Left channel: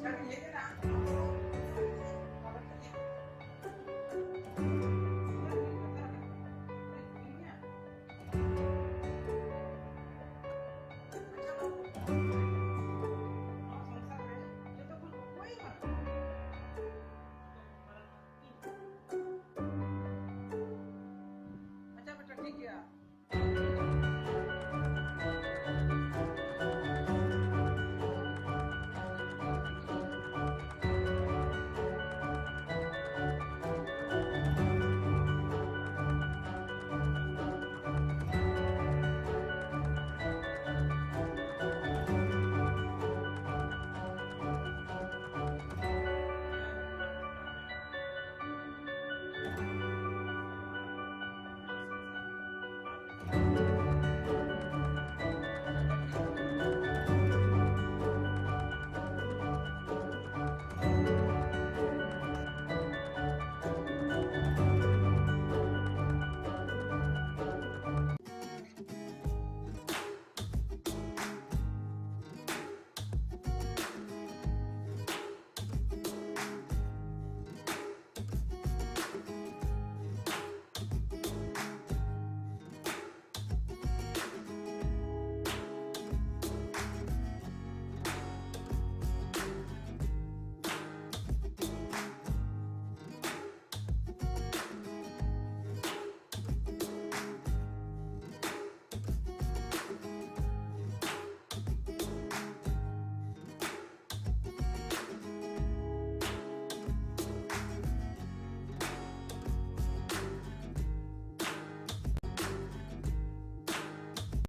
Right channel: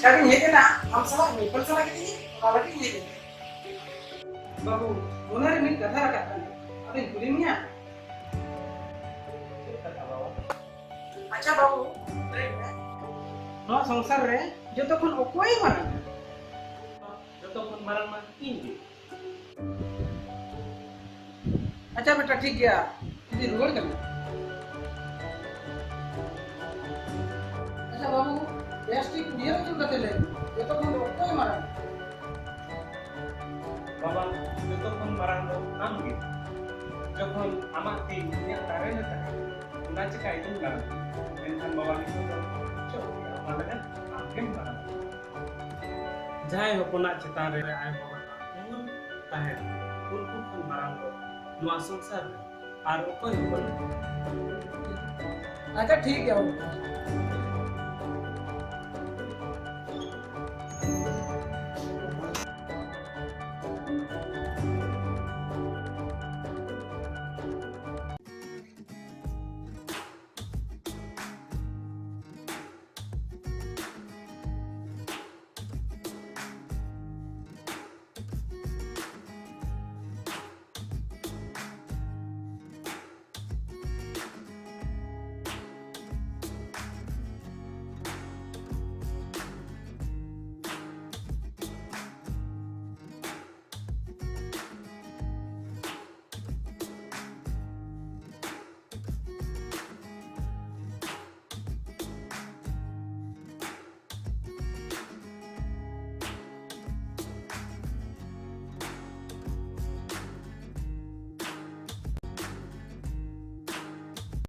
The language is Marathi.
Sekarang ini kena masalah ini, masalah ini, malah ini. Babu, benar ini kata rakyat kan? Ada yang kulimnya. Acha babu, no संसार रे जतो kon okoy marang. जतो kon marang man ini. अच्छा बेटा ठीक गया ये रोड करना अच्छा बाबू प्लास्टिक दिया क्यों करते ले ये तो कोई कोई मारा बाबा जतो kon marang do amgi. Jokon amak tin yang tare na tare. Una cekai itu kan. Entan bawa itu kan. Mana kan? Akem kan. Jai hopona cetan re ai bawa. Mun tahe. Urku kon marang do. Nuah संसार आर कोई अच्छा ठीक है